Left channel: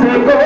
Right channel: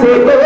se